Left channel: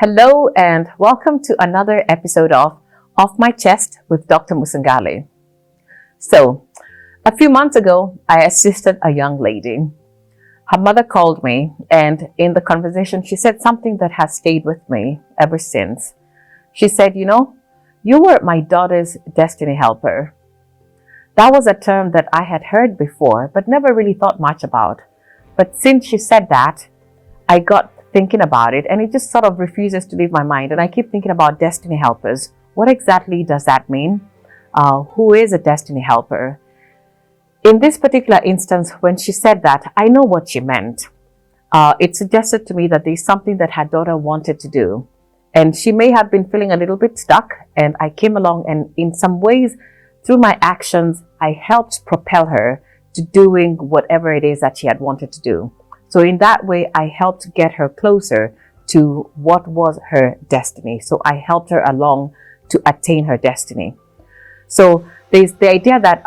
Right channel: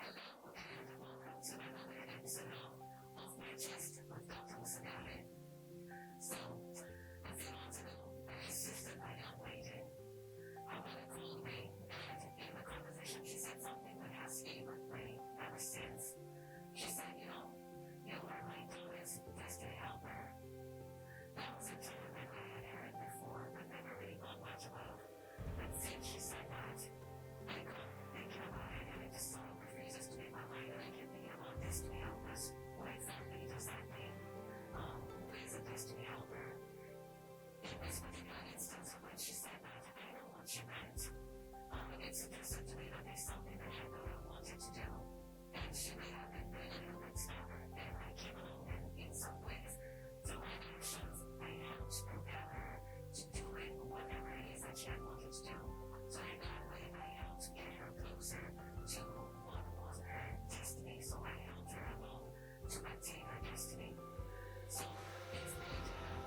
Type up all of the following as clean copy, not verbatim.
Hello and welcome to another episode of Off My Chest with Dr. Musangale. So, a few months ago, I assisted a young lady. Her mother called me, and in the conversation, she said something that has stayed with me ever since. She said, you were my daughter's destiny helper. That was a term that I had heard before, but never really thought much about. But since she said that, I got thinking about it, and it just sort of refuses to leave my mind. And I keep thinking about destiny helpers. What exactly does that mean? Who is a destiny helper? In this particular instance, when she said that, I know what she meant. It suggested to me that there's something that her daughter wanted to do, and she may have been feeling a little bit stuck. And I came along, and in some ways, through my actions, I helped propel her to doing whatever it is that she had wanted to do. So in that way, I helped get her closer to what was her destiny. So I helped her along to attain her destiny. So there's the idea that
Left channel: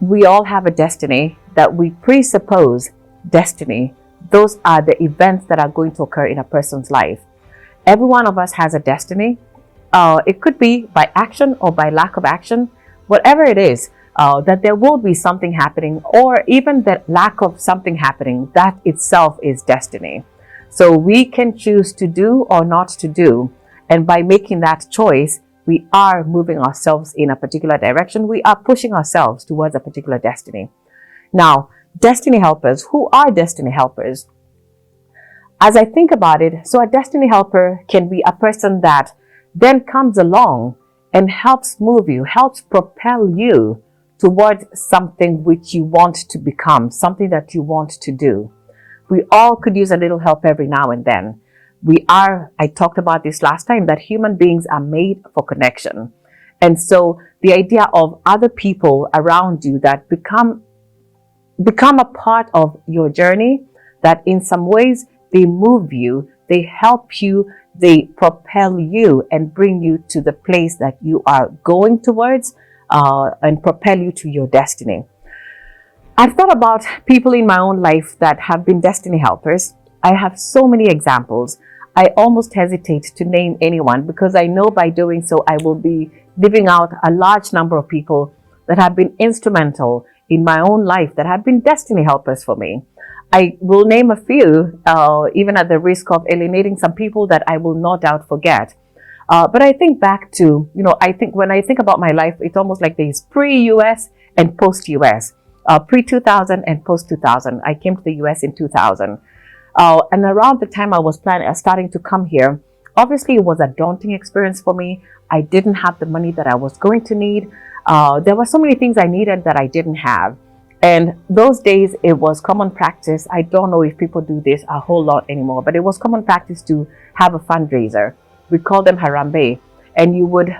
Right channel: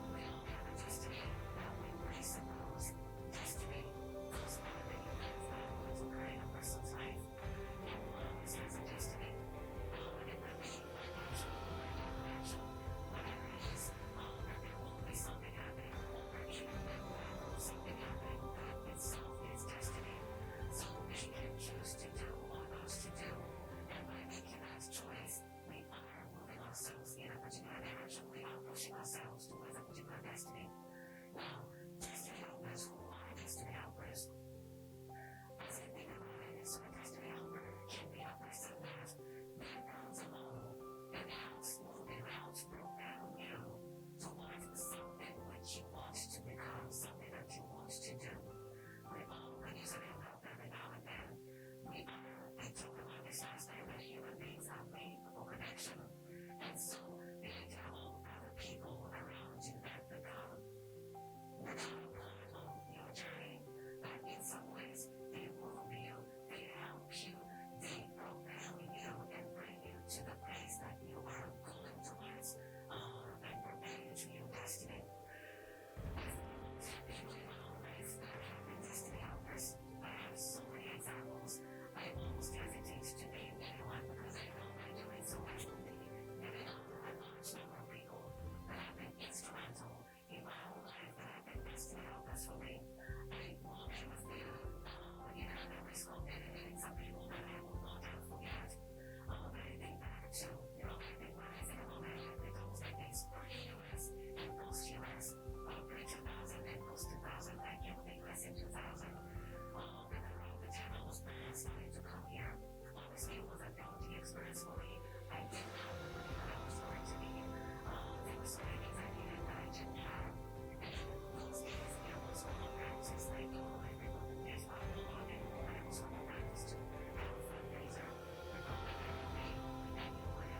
we all have a destiny, that we presuppose destiny. Those are the events that are going to occur in a person's life. Every one of us has a destiny. It could be by action or by lack of action, whatever it is. That there will be something happening, or even the lack of something happening, that itself is destiny. So we can choose to do or not to do. And by making that choice, we are moving ourselves in a particular direction. We are pushing ourselves towards a particular destiny. Now, destiny helpers, who are destiny helpers? As I think about it, so a destiny helper can be a person that then comes along and helps move you, helps propel you towards something which you want to become, something that you want to do. We all could use a little help every now and then. I talked about this last time, that human beings are made for connection. And so the idea of other people around you that become a part of your journey, that in some ways they move you, they help you, they propel you and bring you to the place that you are going towards, and propel you to your destiny. I've thought about people in my own life that have been destiny helpers. I have so many examples. I almost hesitate to name anyone, because I know by doing so I will be leaving out a large number of people that have been instrumental in my own life, that have been destiny helpers for me. I will name a few, even at the risk of alienating some people that I will no doubt forget. But I think back to, when I think about my life, it's almost like there's pre-US and post-US, pre-2000 and post-2000. I came to the US in 2000. And around the time I was starting to come here, obviously it was a daunting experience for me. I didn't have the money that I was going to need. There were so many things I needed that I didn't have. And those days it was common practice. I don't know if people do this a whole lot anymore, but it was common practice to have a fundraiser. We call them Harambe. And you would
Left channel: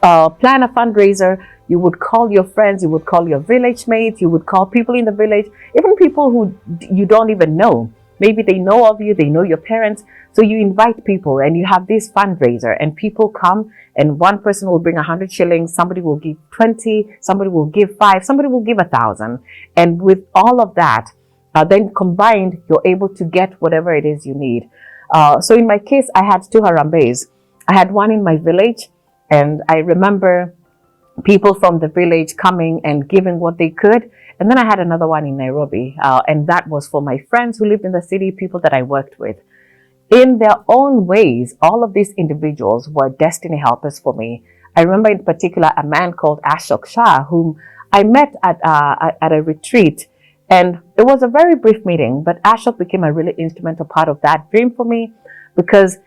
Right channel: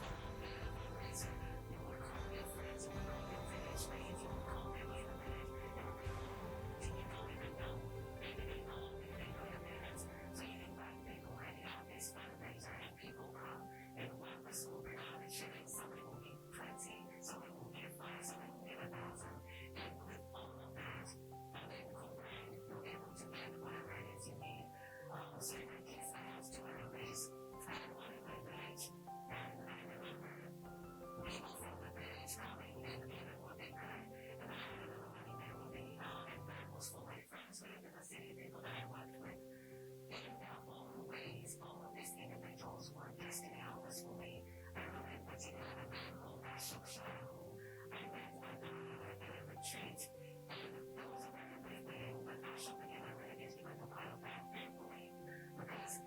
plan a fundraiser. You would call your friends, you would call your village mates, you would call people in the village, even people who you don't even know. Maybe they know of you, they know your parents. So you invite people and you have this fundraiser, and people come, and one person will bring 100 shillings, somebody will give 20, somebody will give 5, somebody will give 1,000. And with all of that, then combined, you're able to get whatever it is you need. So in my case, I had 2 Harambes. I had one in my village, and I remember people from the village coming and giving what they could. And then I had another one in Nairobi, and that was for my friends who lived in the city, people that I worked with. In their own ways, all of these individuals were destiny helpers for me. I remember in particular a man called Ashok Shah, whom I met at a retreat. And it was a very brief meeting, but Ashok became a really instrumental part of that dream for me, because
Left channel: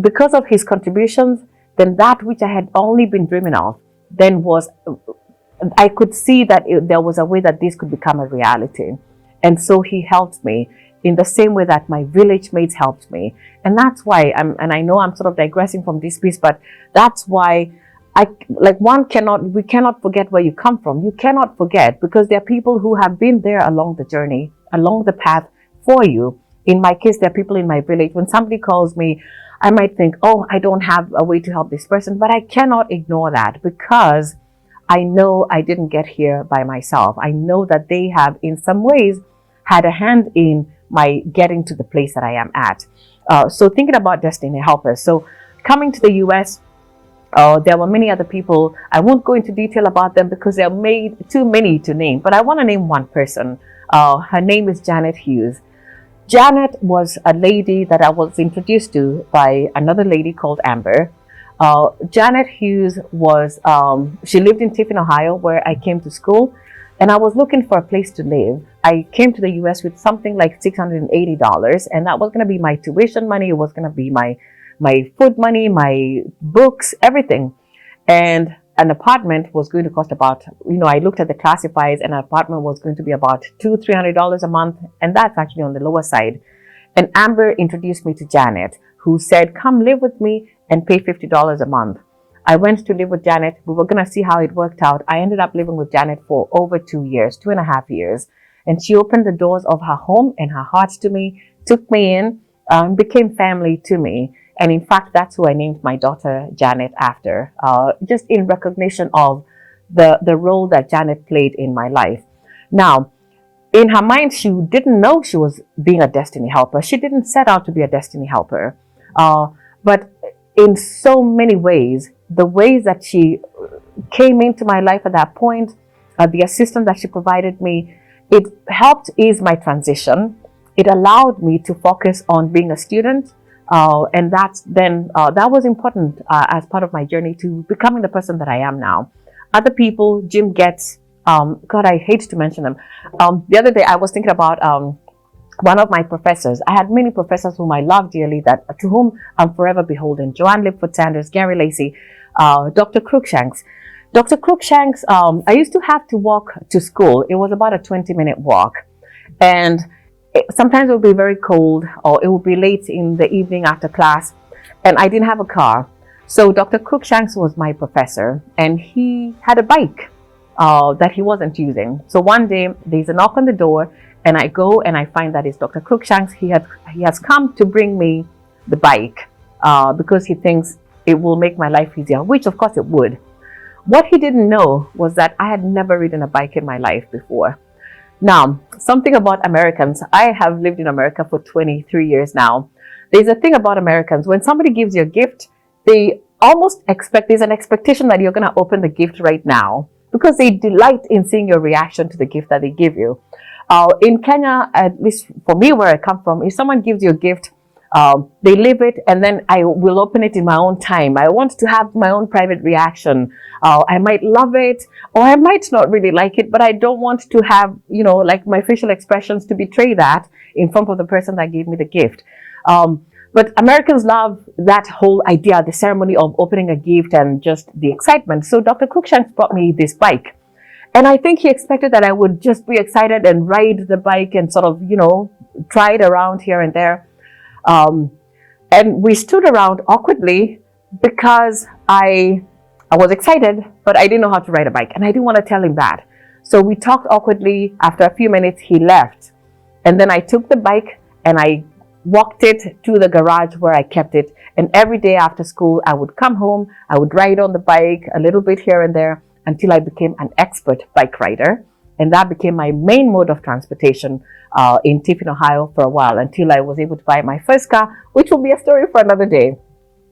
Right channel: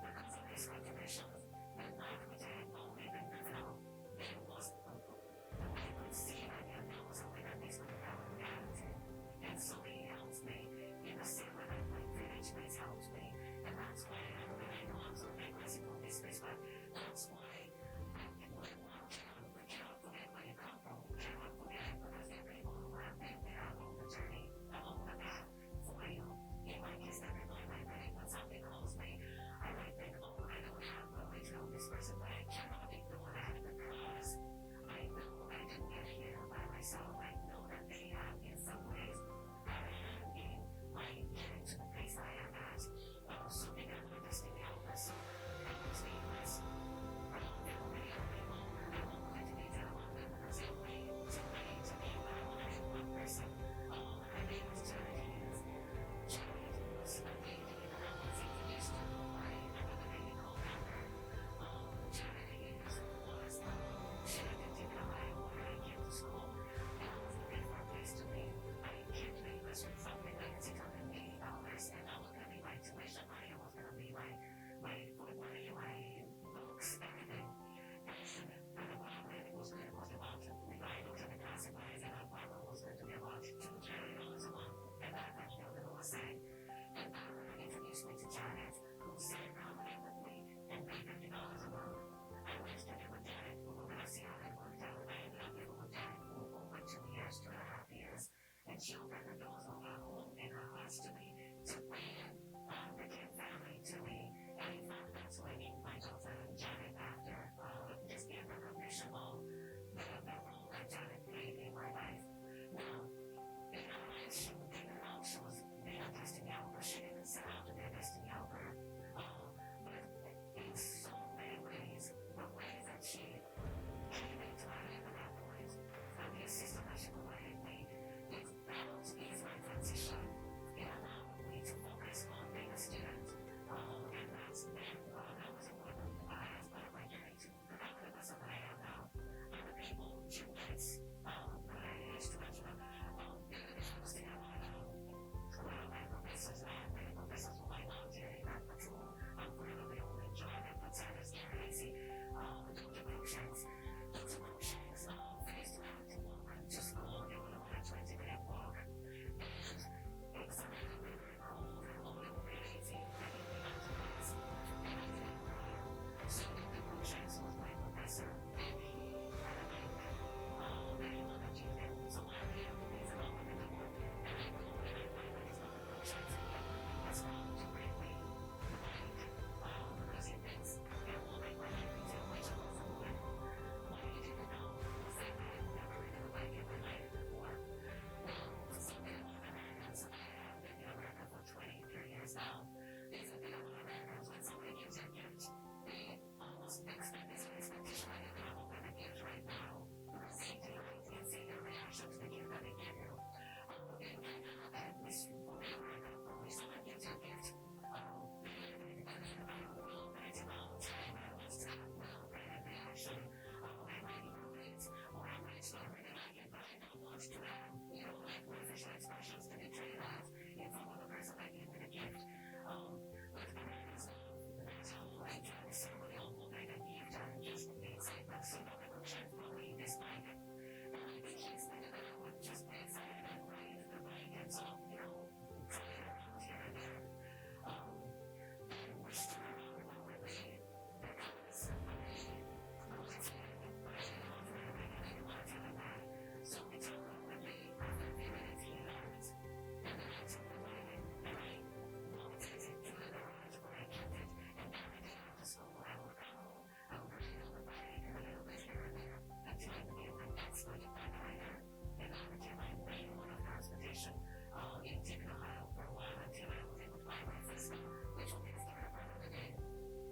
because of his contributions, then that which I had only been dreaming of, then I could see that there was a way that this could become a reality. And so he helped me in the same way that my village mates helped me. And that's why and I know I'm sort of digressing from this piece, but that's why we cannot forget where you come from. You cannot forget, because there are people who have been there along the journey, along the path for you. In my case, there are people in my village. When somebody calls me, I might think, oh, I don't have a way to help this person, but I cannot ignore that, because I know I didn't get here by myself. I know that they have in some ways had a hand in my getting to the place that I am at. So thinking about destiny helpers. So coming to the US, there were many other people. I won't go into detail about them because there are too many to name, but I want to name one person. Her name is Janet Hughes. Janet was a lady that I was introduced to by another lady called Amber. Janet Hughes she lived in Tiffin, Ohio, where I came to school, and I was looking for a place to live. I came to the US with something like $680, and that was going to be my tuition money. It was going to be my food money, my books, everything. And an apartment was going to cost about, I looked at the classifieds, and an apartment was going to be about $200-300 a month. And that's actually on the lower side. And Amber introduced me to Janet, who said, come live with me and pay $50 a month. I went to live with Janet. We were going to see how it worked out. I ended up living with Janet for over 2 years, 2.5 years. And she opened the doors of her home and her heart to me, took me in, became family to me. And in fact, that's who I named my daughter Janet after, just in recognition of the role that Janet played in my life. Now, in her mind, she didn't know she was being a destiny helper. She didn't set out to be a destiny helper. But in so many ways, the ways that she came into my life at that point, the assistance that she provided me, it helped ease my transition. It allowed me to focus on being a student. And that was important as part of my journey to becoming the person that I am now. Other people, Jim Getz, God, I hate to mention them. The other day I was thinking about one of my professors. I had many professors whom I love dearly, to whom I'm forever beholden. Joanne Lipford Sanders, Gary Lacey, Dr. Cruikshanks. Dr. Cruikshanks, I used to have to walk to school. It was about a 20-minute walk. And sometimes it would be very cold, or it would be late in the evening after class, and I didn't have a car. So Dr. Cruikshanks was my professor, and he had a bike that he wasn't using. So one day there's a knock on the door, and I go and I find that it's Dr. Cruikshanks. He has come to bring me the bike because he thinks it will make my life easier, which of course it would. What he didn't know was that I had never ridden a bike in my life before. Now, something about Americans. I have lived in America for 23 years now. There's a thing about Americans. When somebody gives you a gift, they almost there's an expectation that you're going to open the gift right now because they delight in seeing your reaction to the gift that they give you. In Kenya, at least for me where I come from, if someone gives you a gift, they leave it and then I will open it in my own time. I want to have my own private reaction. I might love it or I might not really like it, but I don't want to have, like my facial expressions to betray that in front of the person that gave me the gift. But Americans love that whole idea, the ceremony of opening a gift and just the excitement. So Dr. Cruikshanks brought me this bike. And I think he expected that I would just be excited and ride the bike and sort of, try it around here and there. And we stood around awkwardly because I was excited, but I didn't know how to ride a bike. And I didn't want to tell him that. So we talked awkwardly. After a few minutes, he left. And then I took the bike and I walked it to the garage where I kept it. And every day after school, I would come home. I would ride on the bike a little bit here and there until I became an expert bike rider. And that became my main mode of transportation in Tiffin, Ohio for a while until I was able to buy my first car, which will be a story for another day.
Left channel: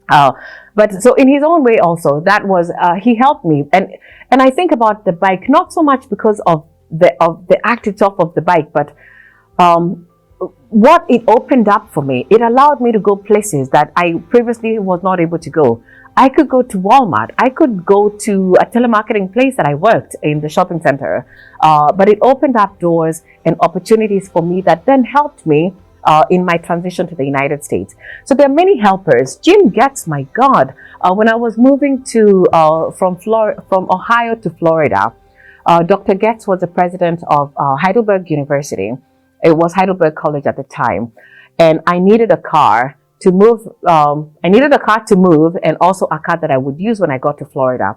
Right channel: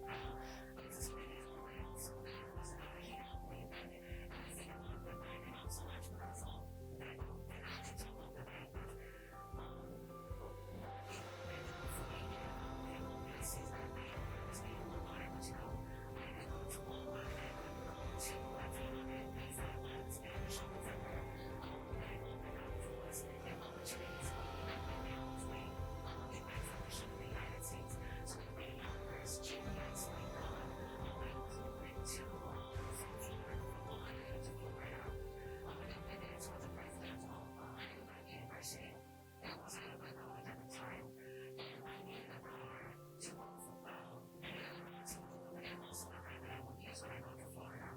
But so in his own way also, that was, he helped me. And I think about the bike, not so much because of the act itself of the bike, but what it opened up for me. It allowed me to go places that I previously was not able to go. I could go to Walmart. I could go to a telemarketing place that I worked in the shopping center. But it opened up doors and opportunities for me that then helped me in my transition to the United States. So there are many helpers. Jim Getz, my God, when I was moving from Ohio to Florida, Dr. Getz was the president of Heidelberg University. It was Heidelberg College at the time. And I needed a car to move. And also a car that I would use when I got to Florida.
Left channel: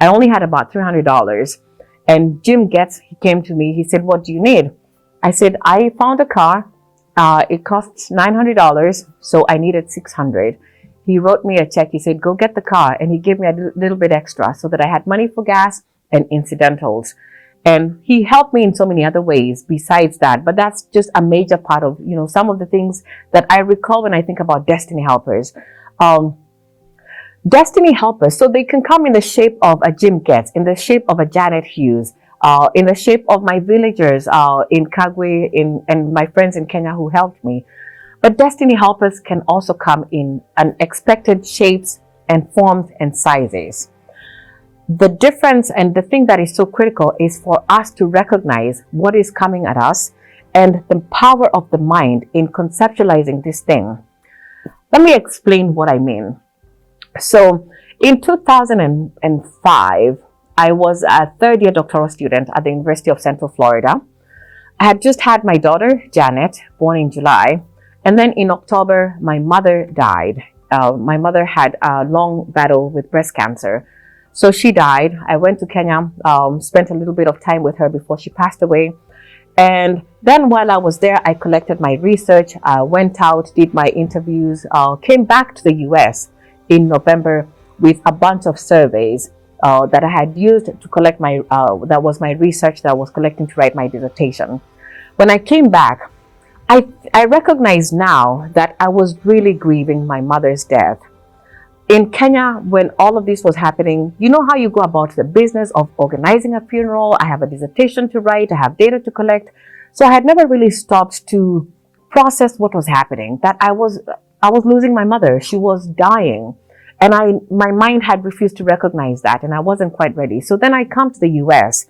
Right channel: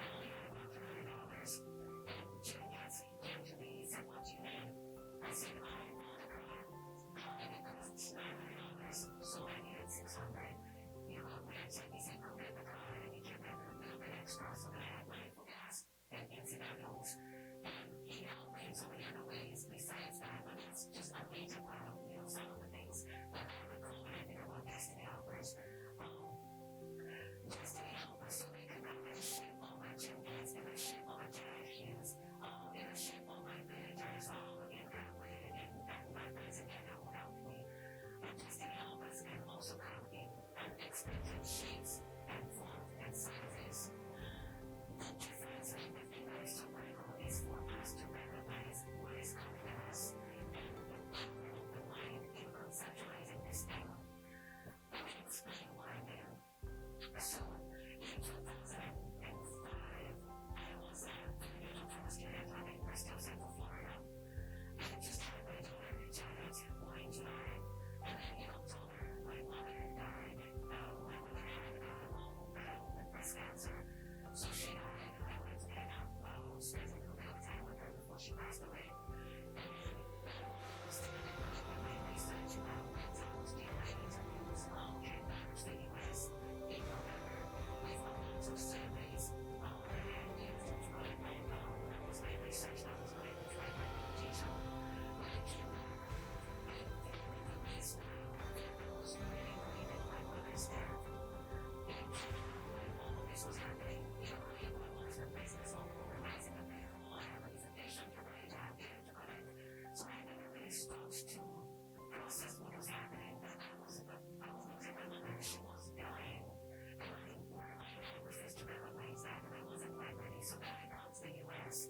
I only had about $300. And Jim Getz, he came to me. He said, "What do you need?" I said, "I found a car. It costs $900, so I needed $600. He wrote me a check. He said, "Go get the car." And he gave me a little bit extra so that I had money for gas and incidentals. And he helped me in so many other ways besides that. But that's just a major part of, some of the things that I recall when I think about Destiny Helpers. Destiny Helpers, so they can come in the shape of a Jim Getz, in the shape of a Janet Hughes, in the shape of my villagers in Kagwe, and my friends in Kenya who helped me. But Destiny Helpers can also come in unexpected shapes and forms and sizes. The difference and the thing that is so critical is for us to recognize what is coming at us and the power of the mind in conceptualizing this thing. Let me explain what I mean. So in 2005, I was a third-year doctoral student at the University of Central Florida. I had just had my daughter, Janet, born in July. And then in October, my mother died. My mother had a long battle with breast cancer. So she died. I went to Kenya, spent a little bit of time with her before she passed away. And then while I was there, I collected my research, went out, did my interviews, came back to the US in November with a bunch of surveys that I had used to collect that was my research that I was collecting to write my dissertation. When I came back, I recognize now that I was really grieving my mother's death. In Kenya, when all of this was happening, you know how you go about the business of organizing a funeral. I have a dissertation to write, I have data to collect. So I had never really stopped to process what was happening, that I was losing my mother. She was dying. And my mind had refused to recognize that, and I wasn't quite ready. So then I come to the US,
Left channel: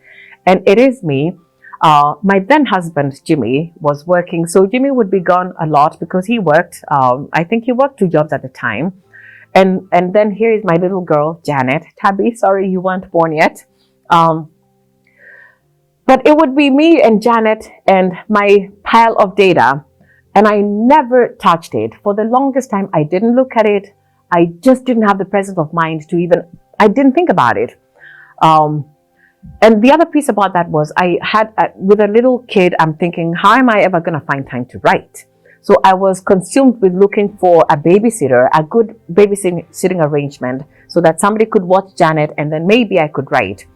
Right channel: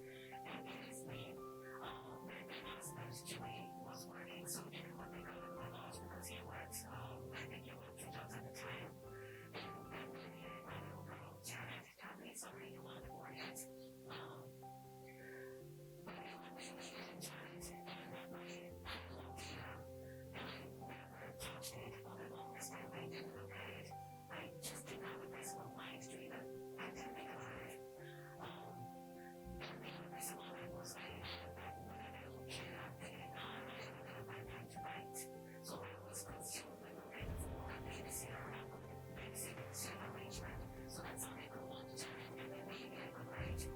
and it is me. My then husband, Jimmy, was working. So Jimmy would be gone a lot because he worked. I think he worked 2 jobs at a time. And then here is my little girl, Janet. Tabby, sorry you weren't born yet. But it would be me and Janet and my pile of data. And I never touched it. For the longest time, I didn't look at it. I just didn't have the presence of mind I didn't think about it. And the other piece about that was with a little kid, I'm thinking, how am I ever going to find time to write? So I was consumed with looking for a babysitter, a good babysitting arrangement, so that somebody could watch Janet and then maybe I could write.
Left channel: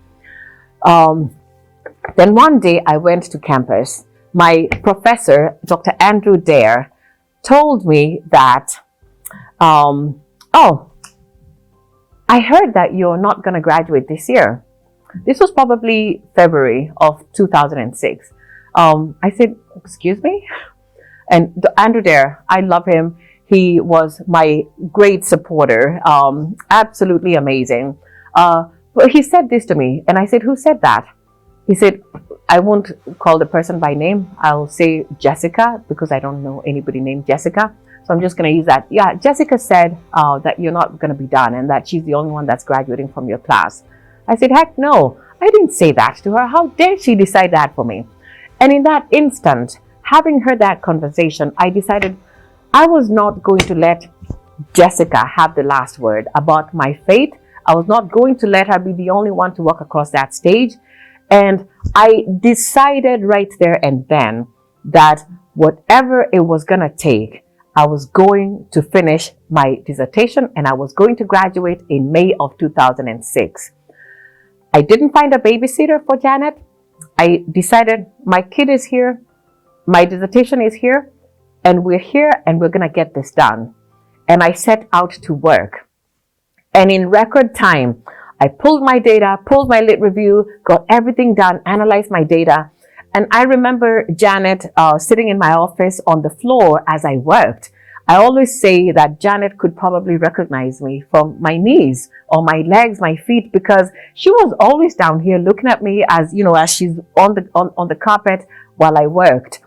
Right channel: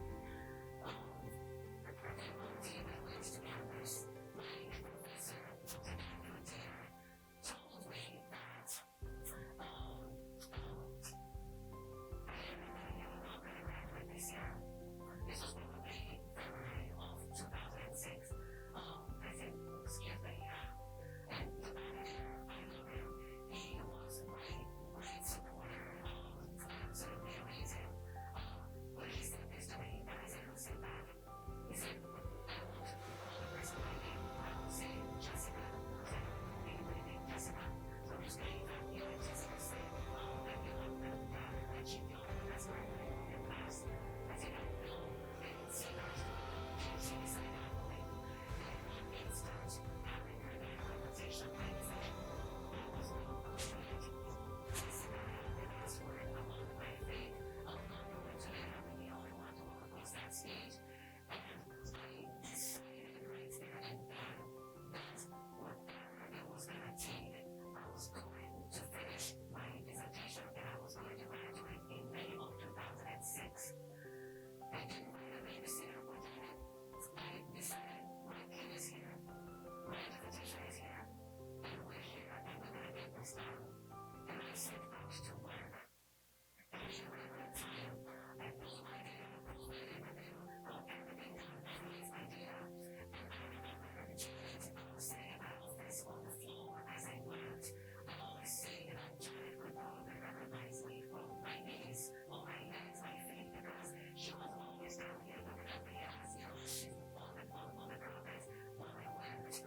Then one day I went to campus. My professor, Dr. Andrew Dare, told me that, I heard that you're not going to graduate this year. This was probably February of 2006. I said, excuse me? And Andrew Dare, I love him. He was my great supporter, absolutely amazing. But he said this to me, and I said, who said that? He said, I won't call the person by name. I'll say Jessica, because I don't know anybody named Jessica. So I'm just going to use that. Yeah, Jessica said that you're not going to be done and that she's the only one that's graduating from your class. I said, heck no, I didn't say that to her. How dare she decide that for me? And in that instant, having heard that conversation, I decided I was not going to let Jessica have the last word about my fate. I was not going to let her be the only one to walk across that stage. And I decided right there and then that whatever it was going to take, I was going to finish my dissertation and I was going to graduate in May of 2006. I didn't find a babysitter for Janet. I decided my kid is here, my dissertation is here, and we're here and we're going to get this done. And I set out to work. And in record time, I pulled my data, pulled my lit review, got everything done, analyzed my data. And I remember Janet sitting in my office on the floor as I worked. I always say that Janet could probably recognize me from my knees or my legs, my feet, because she was always down here looking at me as, you know, as she's on the carpet while I worked.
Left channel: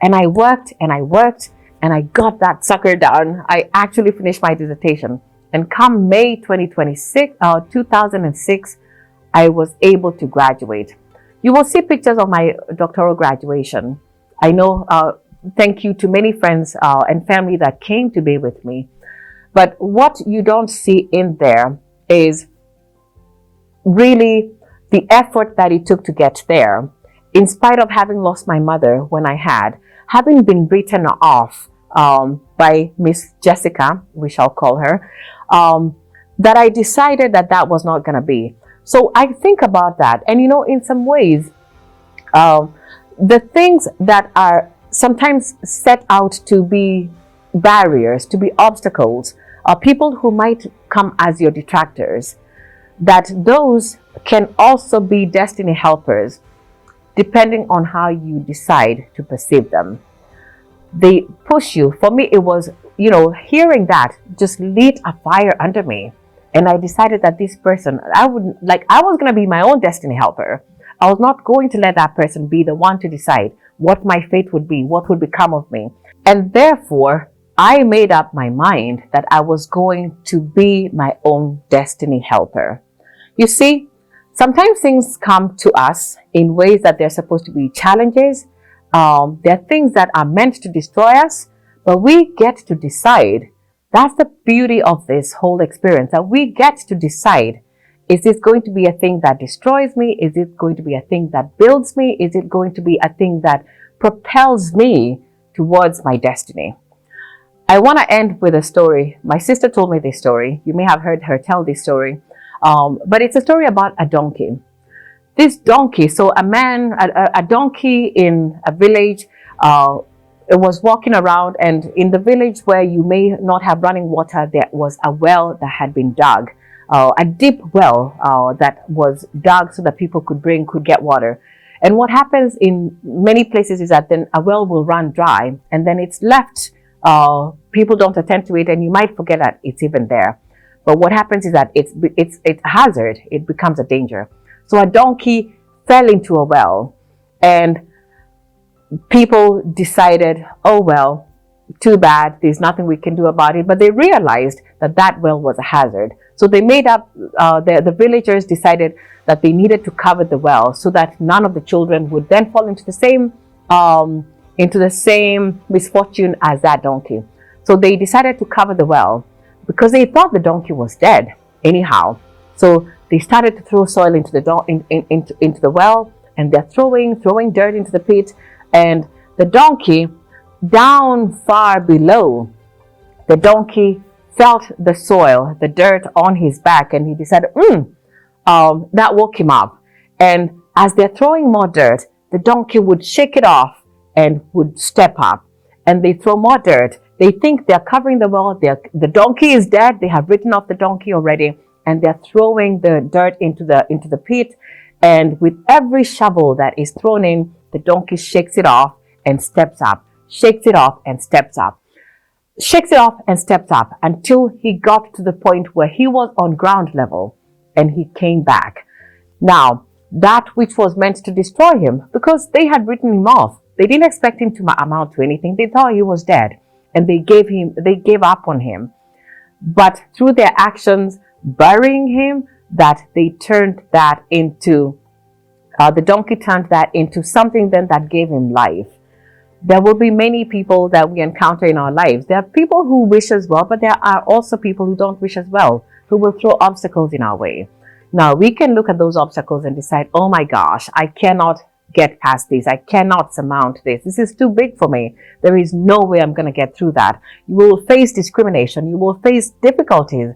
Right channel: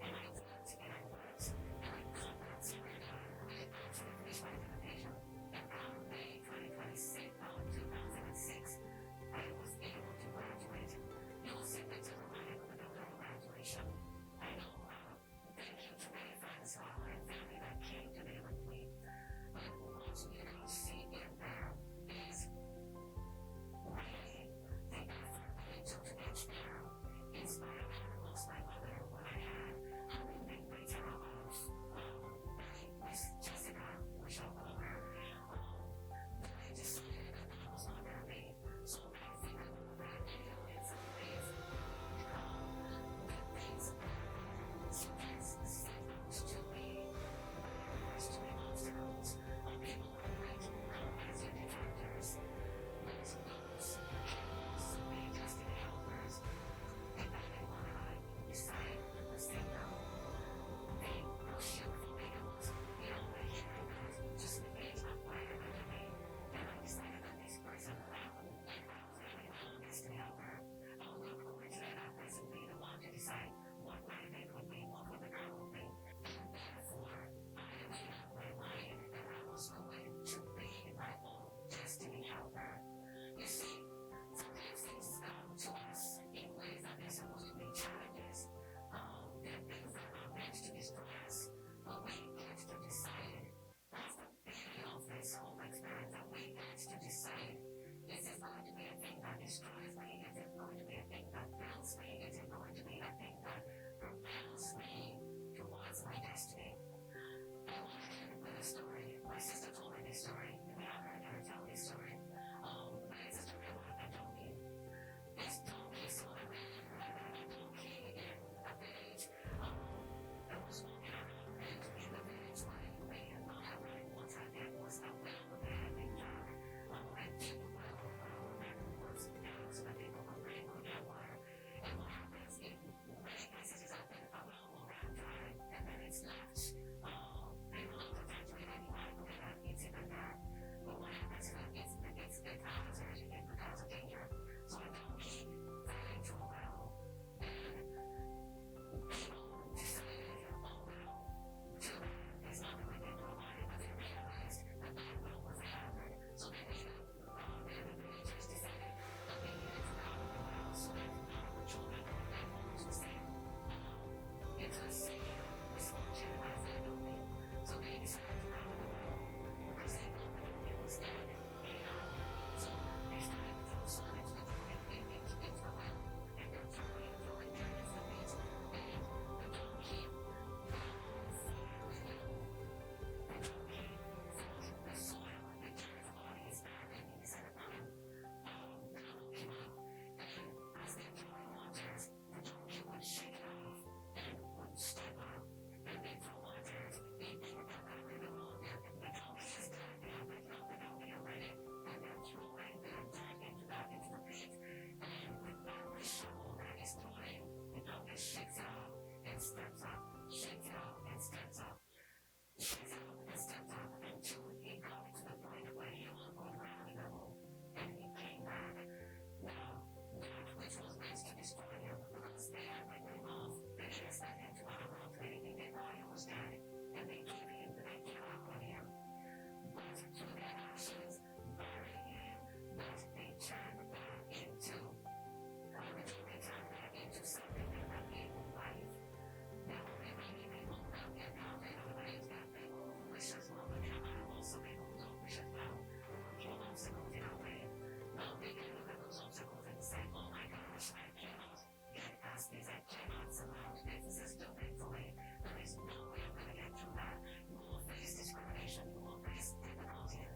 And I worked and I worked and I got that sucker done. I actually finished my dissertation. And come May 2006, I was able to graduate. You will see pictures of my doctoral graduation. I know, thank you to many friends and family that came to be with me. But what you don't see in there is really the effort that it took to get there. In spite of having lost my mother when I had, having been written off by Miss Jessica, we shall call her, that I decided that that was not going to be. So I think about that. And you know, in some ways, Um, the things that are sometimes set out to be barriers, to be obstacles, are people who might come as your detractors, that those can also be destiny helpers depending on how you decide to perceive them. They push you. For me, it was, hearing that just lit a fire under me. And I decided that this person, I was going to be my own destiny helper. I was not going to let that person be the one to decide what my fate would be, what would become of me. And therefore, I made up my mind that I was going to be my own destiny helper. You see, sometimes things come to us in ways that they're supposed to be challenges. They're things that are meant to destroy us, but we get to decide. That's the beauty of this whole experience, that we get to decide. Is this going to be a thing that destroys me? Is it going to be a thing that builds me? Is it going to be a thing that propels me towards my destiny? I want to end with a story. My sister told me this story. You may have heard her tell this story. But it's a story about a donkey. This donkey, so a donkey in a village, it was walking around, and in the village where you may not have running water, there was a well that had been dug, a deep well that was dug so that people could get water. And what happens in many places is that then a well will run dry, and then it's left. People don't attend to it, and you might forget that it's even there. But what happens is that it's a hazard. It becomes a danger. So a donkey fell into a well, and people decided, oh, well, too bad. There's nothing we can do about it. But they realized that that well was a hazard. So they made up, the villagers decided that they needed to cover the well so that none of the children would then fall into the same misfortune as that donkey. So they decided to cover the well, because they thought the donkey was dead anyhow. So they started to throw soil into the well, and they're throwing dirt into the pit. And the donkey, down far below, the donkey felt the soil, the dirt on his back, and he decided, that woke him up. And as they're throwing more dirt, the donkey would shake it off and would step up. And they throw more dirt. They think they're covering the well. The donkey is dead. They have written off the donkey already, and they're throwing the dirt into the pit. And with every shovel that is thrown in, the donkey shakes it off and steps up. Shakes it off and steps up. Shakes it off and steps up until he got to the point where he was on ground level, and he came back. Now, that which was meant to destroy him, because they had written him off, they didn't expect him to amount to anything. They thought he was dead. And they gave up on him. But through their actions, burying him, that they turned that into, the donkey turned that into something then that gave him life. There will be many people that we encounter in our lives. There are people who wish us well, but there are also people who don't wish us well, who will throw obstacles in our way. Now, we can look at those obstacles and decide, oh my gosh, I cannot get past this. I cannot surmount this. This is too big for me. There is no way I'm going to get through that. You will face discrimination. You will face difficulties.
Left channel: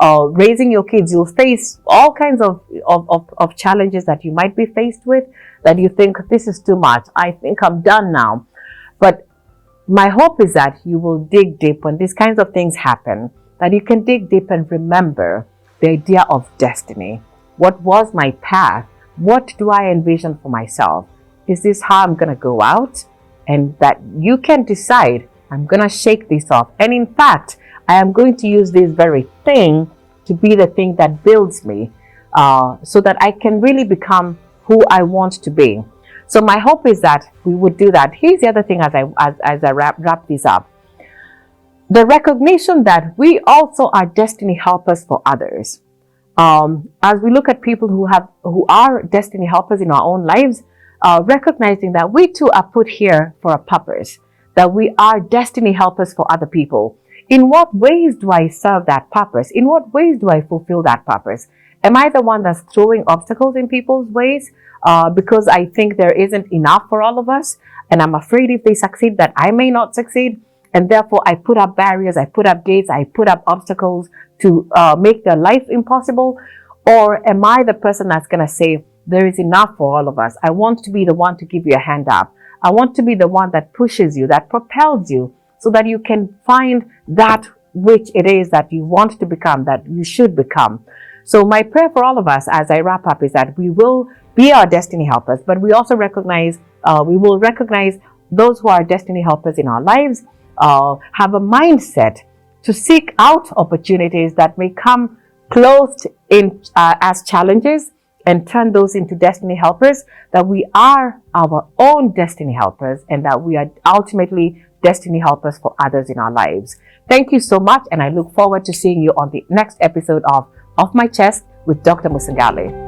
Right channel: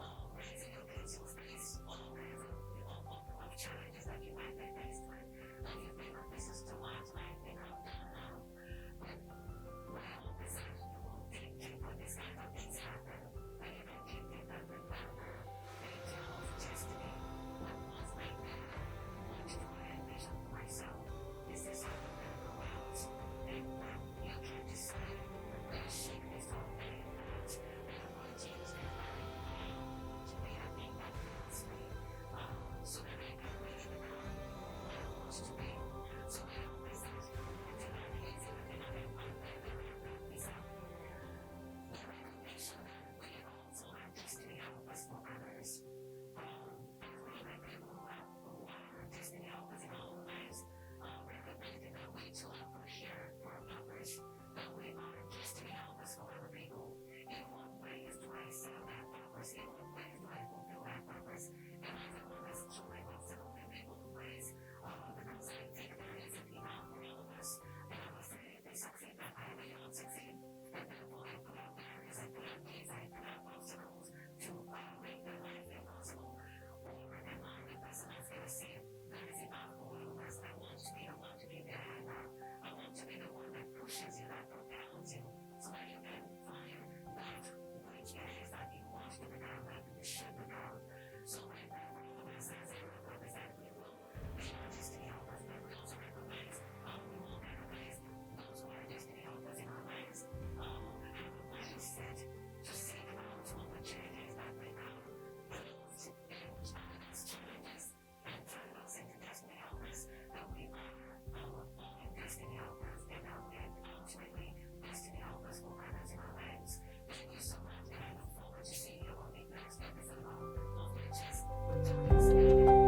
Raising your kids, you'll face all kinds of challenges that you might be faced with, that you think, this is too much. I think I'm done now. But my hope is that you will dig deep when these kinds of things happen, that you can dig deep and remember the idea of destiny. What was my path? What do I envision for myself? Is this how I'm going to go out? And that you can decide, I'm going to shake this off. And in fact, I am going to use this very thing to be the thing that builds me, so that I can really become who I want to be. So my hope is that we would do that. Here's the other thing as I wrap this up. The recognition that we also are destiny helpers for others. As we look at people who are destiny helpers in our own lives, recognizing that we too are put here for a purpose, that we are destiny helpers for other people. In what ways do I serve that purpose? In what ways do I fulfill that purpose? Am I the one that's throwing obstacles in people's ways because I think there isn't enough for all of us, and I'm afraid if they succeed that I may not succeed, and therefore I put up barriers, I put up gates, I put up obstacles to make their life impossible? Or am I the person that's going to say, there is enough for all of us. I want to be the one to give you a hand up. I want to be the one that pushes you, that propels you, so that you can find that which it is that you want to become, that you should become. So my prayer for all of us as I wrap up is that we will be our destiny helpers, but we also we will recognize those who are destiny helpers in our lives, have a mindset to seek out opportunities that may come clothed in as challenges, and turn those into destiny helpers, that we are our own destiny helpers and that we are ultimately destiny helpers for others in our lives. Thank you so much, and I look forward to seeing you on the next episode of Off My Chest with Dr. Musangale.